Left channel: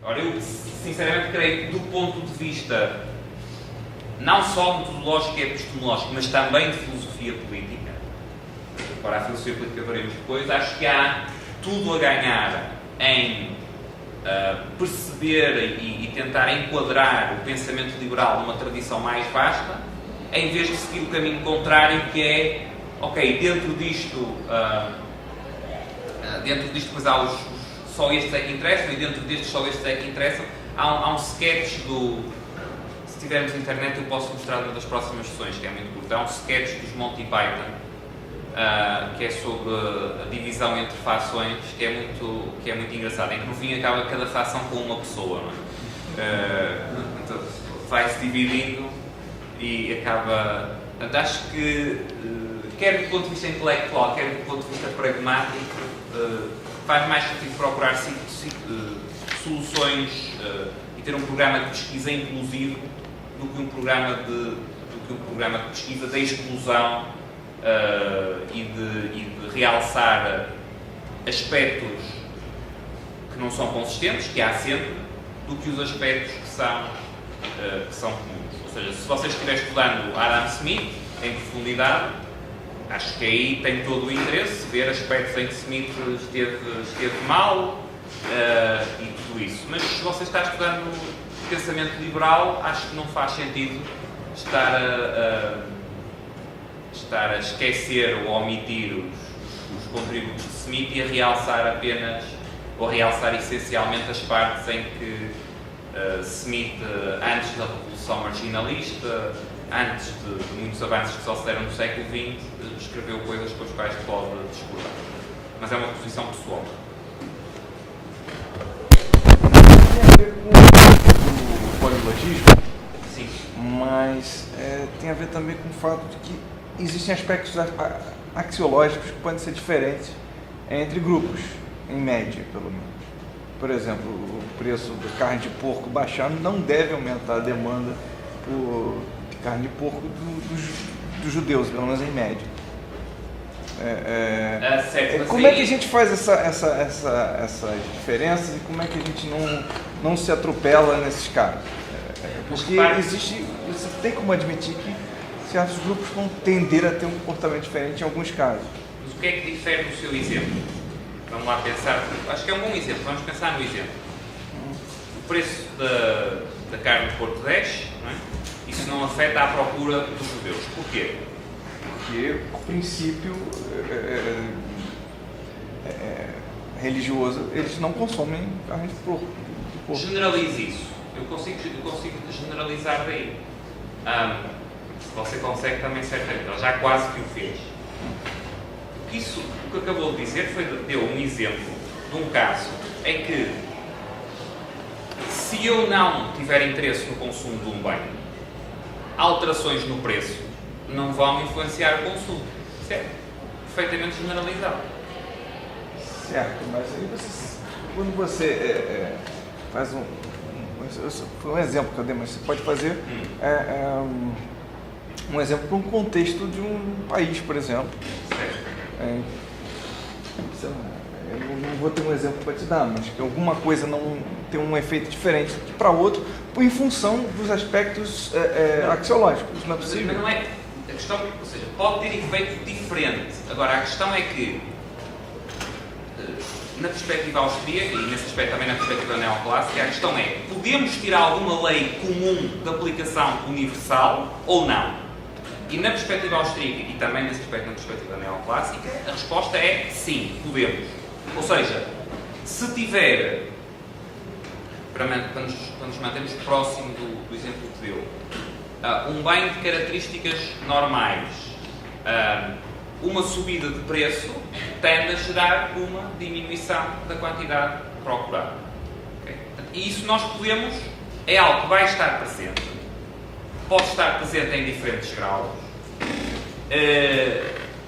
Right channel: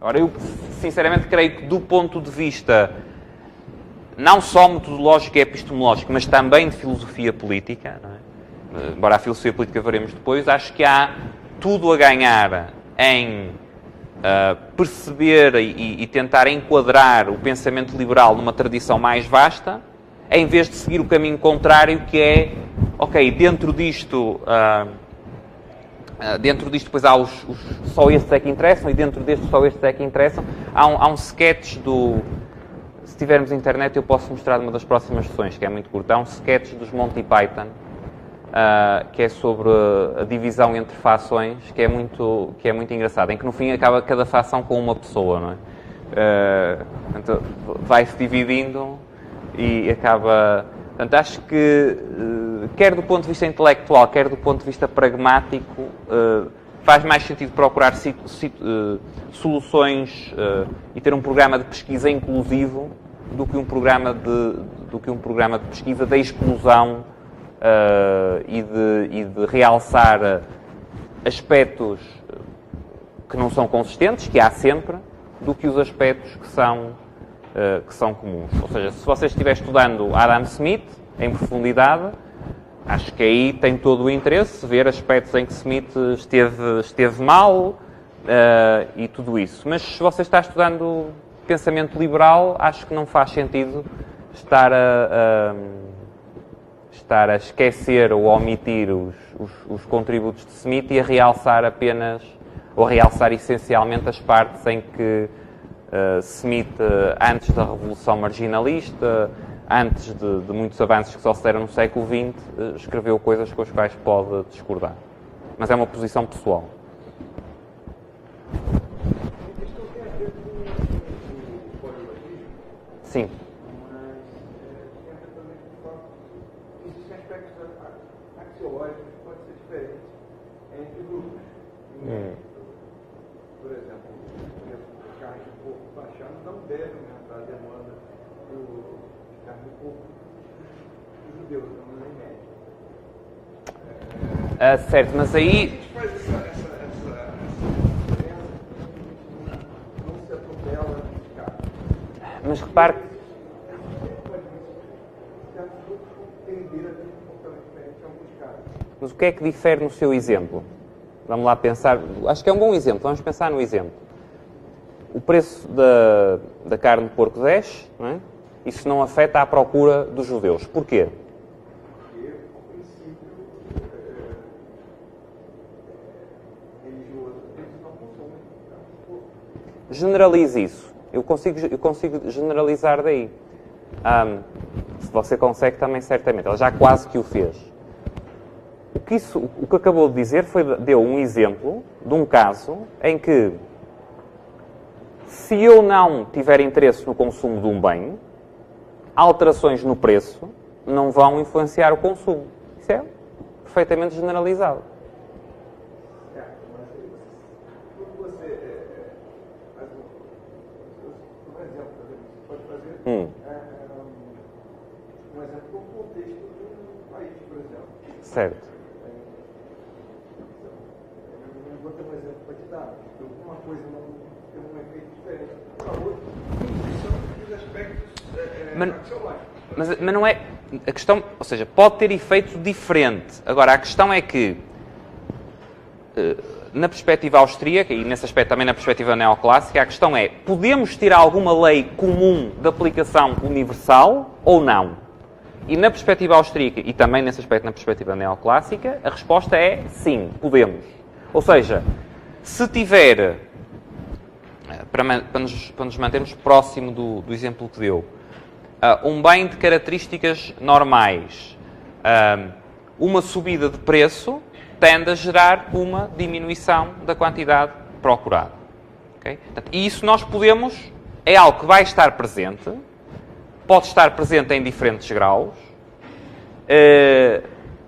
Agora, eu sinceramente creio que do ponto de vista não só metodológico e epistemológico, mas também de filosofia política, não é? Embora a filosofia política veremos depois, acho que há tudo a ganhar em perceber e tentar enquadrar o pensamento liberal numa tradição mais vasta, em vez de seguir o caminho contrário, que é, ok, dentro disto depois há só estes é que interessam, e dentro destes só estes é que interessam. Há um sketch se tivermos internet eu posso mostrar numa das próximas sessões, que é muito curto. Há um sketch dos Monty Python, que é sobre a divisão entre fações, que é muito engraçado, em que no fim acaba cada fação com uma pessoa, não é? Então, vai-se dividindo e acaba... Portanto, acho que, quer do ponto de vista intelectual, quer do ponto de vista pragmático, faz mais sentido procurar soluções e ter um programa de pesquisa inclusivo do que um programa de pesquisa da exclusão e de realçar aspectos que não são consistentes, que há sempre, do que os aspectos que são comuns. Ou seja, se você estiver estudando Adam Smith em profundidade, acho que aí tem todo o interesse ver aspectos em que Smith esteve mal e tudo isso. Mas se você está estudando pensamento liberal, acho que não faz sentido estar a esquecer ou a omitir os contributos de Smith e a realçar apenas, ou a realçar essencialmente as partes em que Smith, antes da Revolução Marginalista, antes de muitos avanços que só se deram no século XX, escreveu coisas com as quais pode discordar. Mas é uma posição pessoal. O polilogismo? Sim. Mas tem a ver também com o fato de que existem aspectos axiológicos que podem ser diferentes entre grupos, em média, pelo menos. Por exemplo, o preço da carne de porco baixando não deve aumentar a demanda de carne de porco dos judeus, pelo menos em média. Certo, mas como aí... é que a gente faz essa diferença e como é que a gente não se atropela nesses casos? Porque você tem como admitir que certos grupos vão tender a ter um comportamento diferente em alguns casos. Mas o que é que difere no seu exemplo? Vamos lá pensar. Acho que é um bom exemplo. Vamos pensar no exemplo. O preço da carne de porco desce, não é? Isso não afeta a procura dos judeus. Porquê? Porque o princípio religioso, eles não consomem carne de porco. Generalize isso. Eu consigo generalizar daí. Se você consegue também, certamente. Ela já quase que o fez. O que acabou de dizer deu um exemplo de um caso em que, se eu não tiver interesse no consumo de um bem, alterações no preço não vão influenciar o consumo. Certo? Perfeitamente generalizado. Certo, mas aí quando você faz foi um exemplo que eu dei, mas você pode fazer um exemplo para um contexto de um país, por exemplo. Certo. Eu não vou ter um exemplo para te dar, mas que alguma coisa não tem um efeito diferente para outro em função dos aspectos axiológicos. Mas não é... A questão, ou seja, pode ter efeito diferente. Agora, a questão é que, na perspectiva austríaca, e nesse aspecto também na perspectiva neoclássica, a questão é, podemos ter alguma lei comum de aplicação universal ou não? E na perspectiva austríaca, e também nesse aspecto na perspectiva neoclássica, a resposta é sim, podemos. Ou seja, se tiver, para nos mantermos próximo do exemplo que deu, um bem de características normais, uma subida de preço tende a gerar uma diminuição da quantidade procurada. Okay? E isso nós podemos, é algo que vai estar presente, pode estar presente em diferentes graus.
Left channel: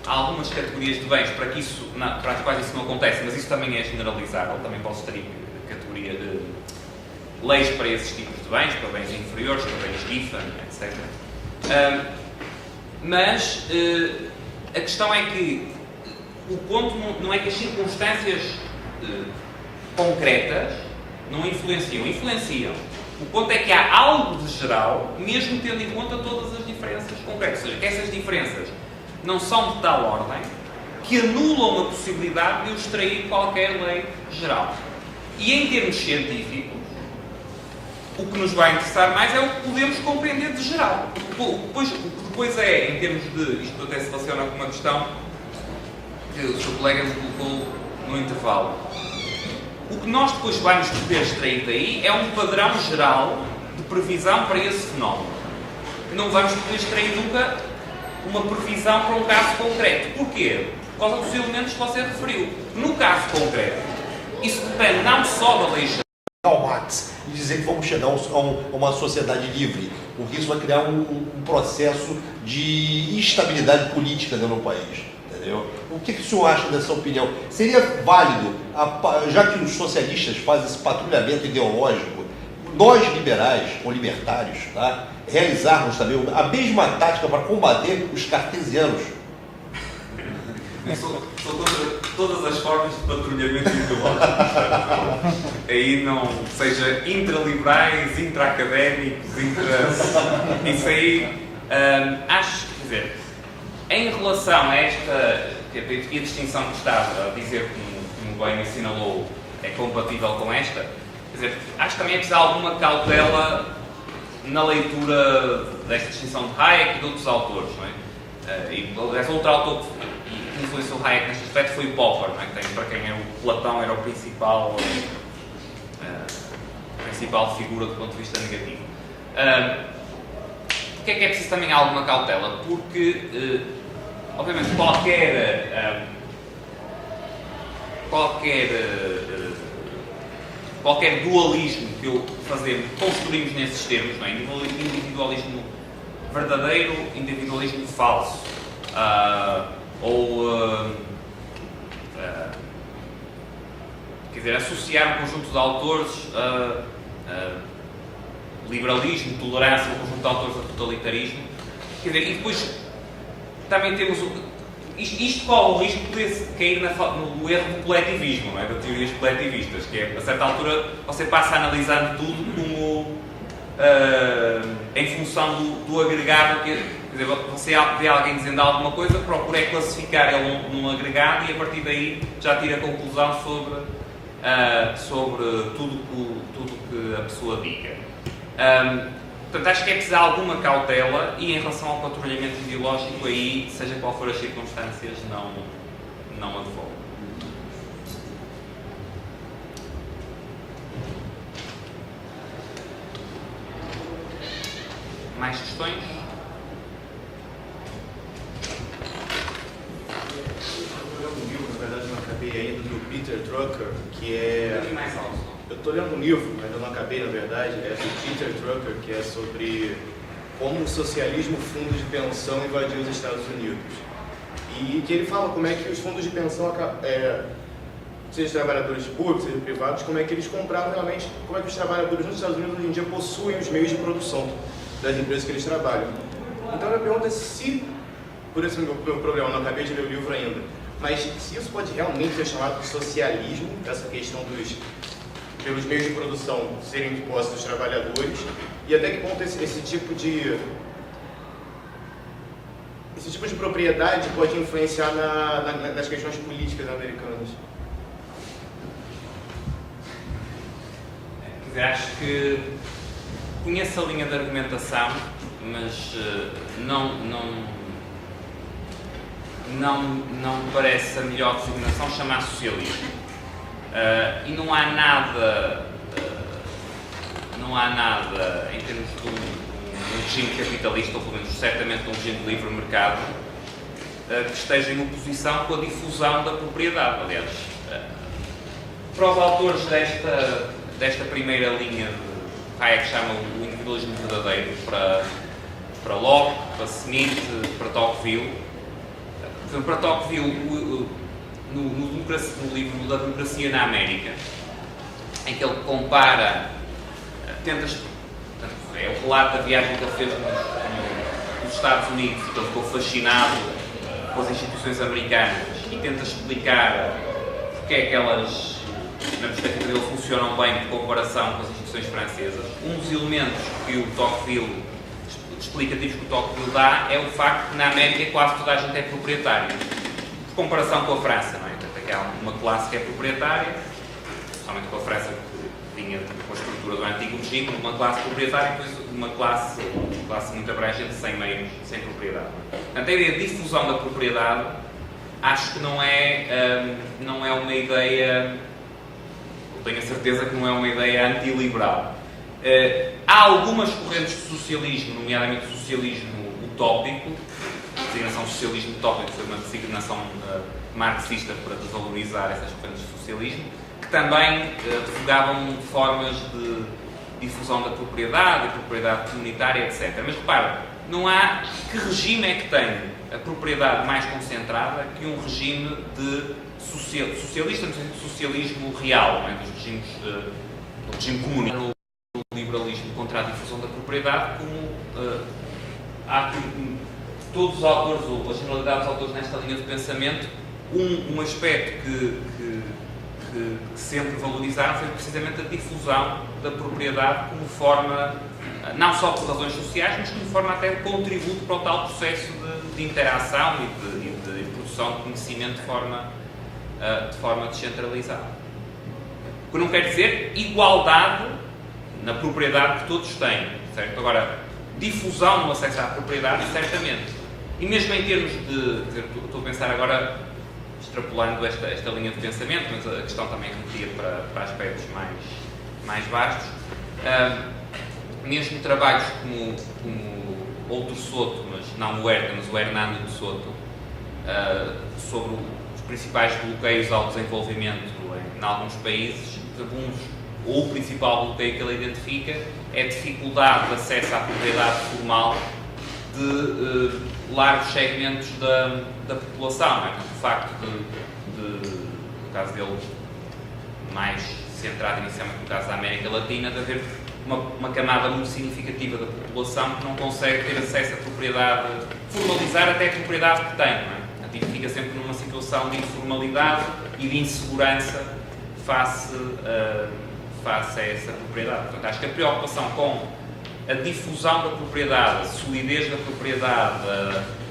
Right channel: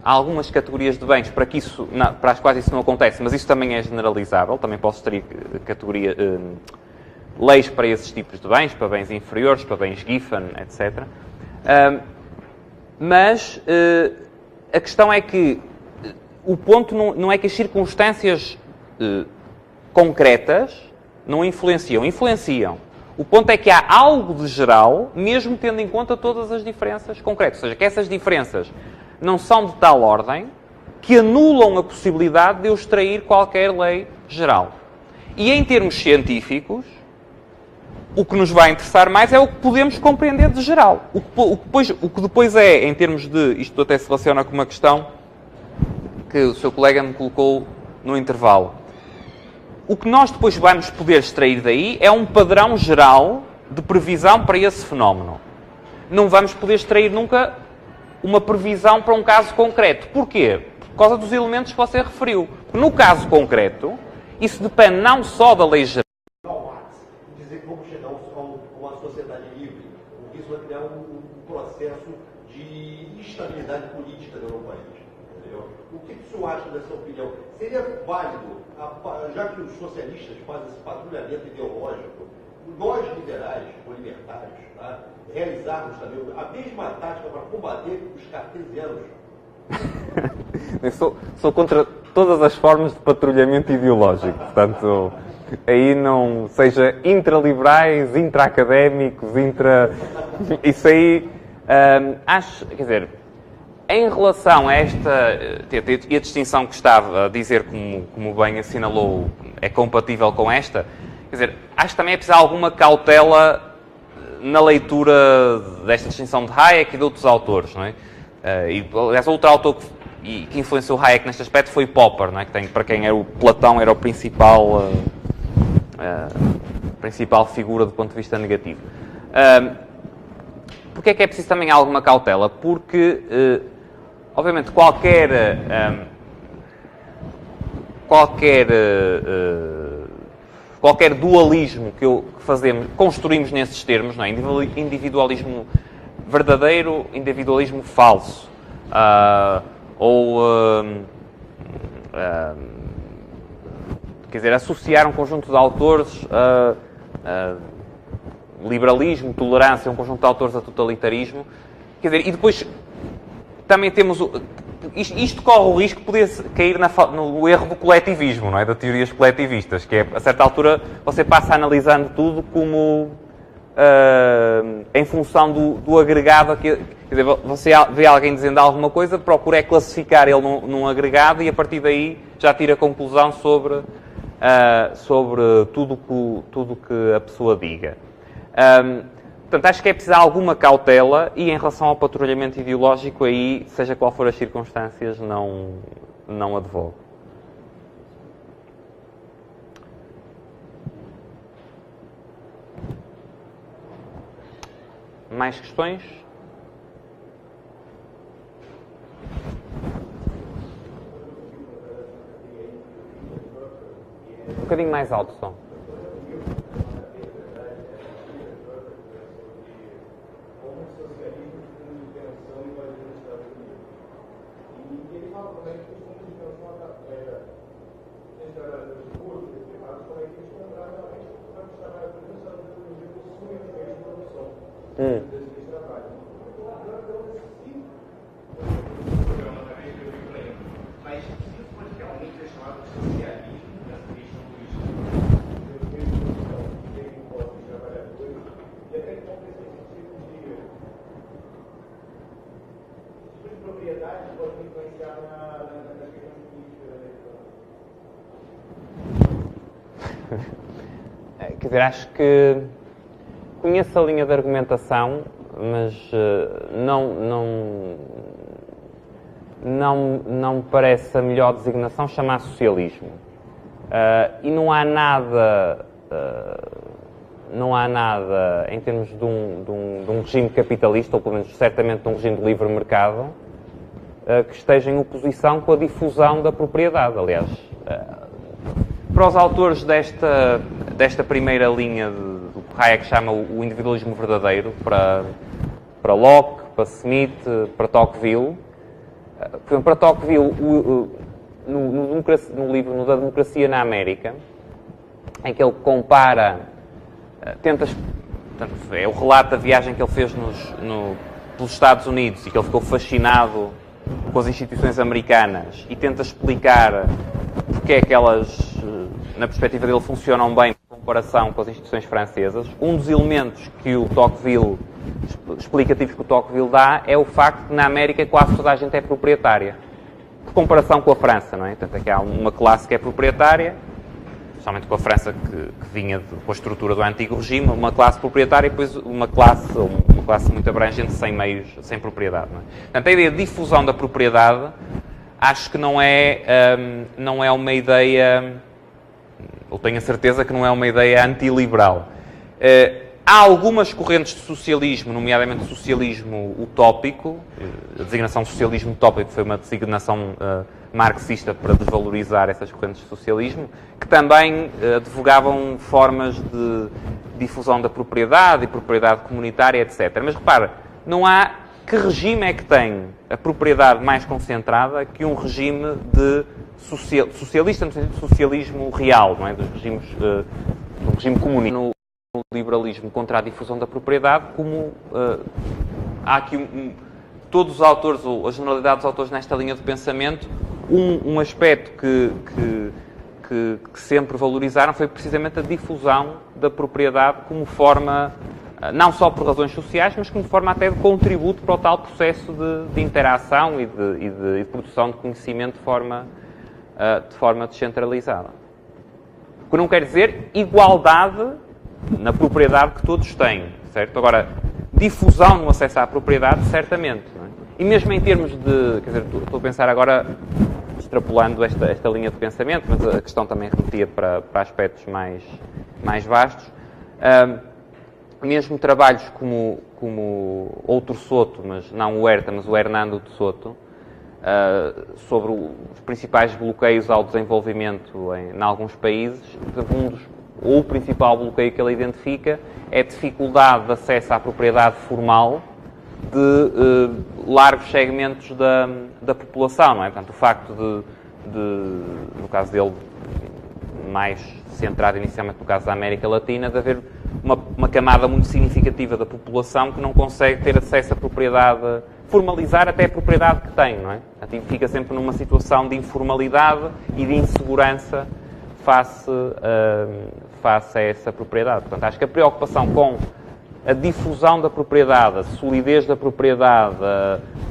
Há algumas categorias de bens para as quais isso não acontece, mas isso também é generalizável. Também posso ter leis para esses tipos de bens, para bens inferiores, para bens Giffen, etc. Mas a questão é que o ponto não é que as circunstâncias concretas Não influenciam. Influenciam. O ponto é que há algo de geral, mesmo tendo em conta todas as diferenças concretas. Ou seja, que essas diferenças não são de tal ordem que anulam a possibilidade de eu extrair qualquer lei geral. E em termos científicos, o que nos vai interessar mais é o que podemos compreender de geral. O que depois é, em termos de... Isto até se relaciona com uma questão que o seu colega me colocou no intervalo. O que nós depois vamos poder extrair daí é um padrão geral de previsão para esse fenómeno. Não vamos poder extrair nunca uma previsão para um caso concreto. Porquê? Por causa dos elementos que você referiu. No caso concreto, isso depende não só da lei geral. Marx e dizer que vamos chegar a uma sociedade livre, porque isso vai criar um processo de instabilidade política dentro do país. Entendeu? O que o senhor acha dessa opinião? Seria válido, já que os socialistas fazem esse patrulhamento ideológico, nós liberais ou libertários, tá, realizarmos também a mesma tática para combater os cartesianos? Eu sou contra todas as formas de patrulhamento ideológico, portanto, aí não, seja intraliberais, intra-académicos, isso aí, acho, quer dizer, em relação a esta, e a distinção que estava a dizer, como bem assinalou, é compatível com esta, quer dizer, acho que também é preciso alguma cautela na leitura desta distinção de Hayek e de outros autores, não é? E, aliás, outro autor que influenciou Hayek neste aspecto foi Popper, não é? Que tem, para quem é o Platão era o principal figura do ponto de vista negativo. Porquê é que é preciso também alguma cautela? Porque, obviamente, qualquer dualismo que construímos nesses termos, não é? Individualismo verdadeiro, individualismo falso, quer dizer, associar um conjunto de autores liberalismo, tolerância, um conjunto de autores a totalitarismo, quer dizer, e depois também temos isto corre o risco de poder cair no erro do coletivismo, não é? De teorias coletivistas, que é, a certa altura, você passa analisando tudo como em função do agregado, quer dizer, você vê alguém dizendo alguma coisa, procura classificar ele num agregado e a partir daí já tira a conclusão sobre tudo que a pessoa diga. Portanto, acho que é preciso alguma cautela e em relação ao patrulhamento ideológico aí, seja qual for as circunstâncias, não advogo. Mais questões? Eu estou lendo um livro, na verdade não acabei ainda, do Peter Drucker, que é... Um bocadinho mais alto, só. Eu estou lendo um livro, mas eu não acabei, na verdade, é do Peter Drucker, que é sobre como o socialismo fundos de pensão invadiu os Estados Unidos. E que ele fala como é que os fundos de pensão, seja trabalhadores públicos, seja privados, como é que eles compravam realmente, como é que os trabalhadores nos Estados Unidos hoje em dia possuem os meios de produção das empresas que eles trabalham. Então a minha pergunta é se, por esse meu problema, eu não acabei de ler o livro ainda, mas se isso pode realmente ser chamado de socialismo, essa questão pelos meios de produção serem de posse dos trabalhadores, e até que ponto esse tipo de propriedade pode influenciar nas questões políticas americanas. Quer dizer, acho que conheço a linha de argumentação, mas não me parece a melhor designação chamar socialismo. E não há nada em termos de um regime capitalista, ou pelo menos certamente de um regime de livre mercado, que esteja em oposição com a difusão da propriedade. Aliás, para os autores desta primeira linha do que Hayek chama o individualismo verdadeiro, para Locke, para Smith, para Tocqueville, para Tocqueville, no livro da Democracia na América, em que ele compara, é o relato da viagem que ele fez nos Estados Unidos e que ele ficou fascinado com as instituições americanas e tenta explicar porque é que elas na perspectiva dele, funcionam bem por comparação com as instituições francesas. Um dos elementos que o Tocqueville, explicativos que o Tocqueville dá, é o facto que na América quase toda a gente é proprietária. Por comparação com a França, não é? Portanto, é que há uma classe que é proprietária, especialmente com a França que vinha com a estrutura do antigo regime, uma classe proprietária e depois uma classe muito abrangente sem meios, sem propriedade. Não é? Portanto, a ideia de difusão da propriedade acho que não é uma ideia, ou tenho a certeza que não é uma ideia antiliberal. Há algumas correntes de socialismo, nomeadamente socialismo utópico, a designação socialismo utópico foi uma designação marxista para desvalorizar essas correntes de socialismo, que também advogavam formas de difusão da propriedade e propriedade comunitária, etc. Mas repara, não há... Que regime é que tem a propriedade mais concentrada que um regime de socialista, no sentido de socialismo real, não é? Dos regimes, do regime comunista. No liberalismo contra a difusão da propriedade, como há aqui todos os autores, ou a generalidade dos autores nesta linha de pensamento, um aspecto que sempre valorizaram foi precisamente a difusão da propriedade como forma, não só por razões sociais, mas como forma até de contributo para o tal processo de interação e de produção de conhecimento de forma descentralizada. O que não quer dizer igualdade na propriedade que todos têm, certo? Agora, difusão no acesso à propriedade, certamente. Não é? E mesmo em termos de... Quer dizer, estou a pensar agora, extrapolando esta linha de pensamento, mas a questão também remetia para aspectos mais vastos. Mesmo trabalhos como outro Soto, mas não o Huerta, mas o Hernando de Soto, sobre os principais bloqueios ao desenvolvimento em alguns países, ou o principal bloqueio que ele identifica é a dificuldade de acesso à propriedade formal de largos segmentos da população. Não é? Portanto, o facto no caso dele, mais centrado inicialmente no caso da América Latina, de haver uma camada muito significativa da população que não consegue ter acesso à propriedade, formalizar até a propriedade que tem, não é? Portanto, fica sempre numa situação de informalidade e de insegurança face a essa propriedade. Portanto, acho que a preocupação com a difusão da propriedade, a solidez da propriedade,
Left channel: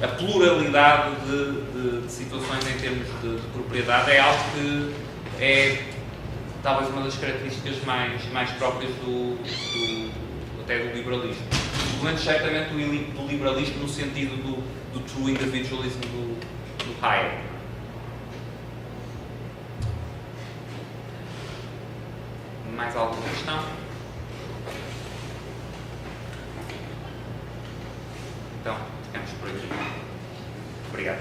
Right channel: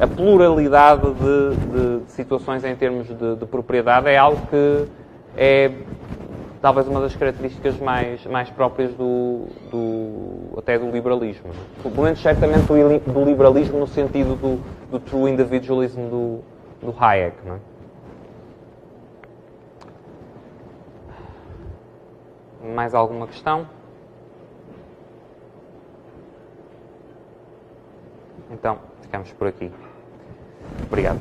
a pluralidade de situações em termos de propriedade é algo que é talvez uma das características mais próprias até do liberalismo. Pelo menos certamente do liberalismo no sentido do true individualism do Hayek. Não é? Mais alguma questão? Então, ficamos por aqui. Obrigado.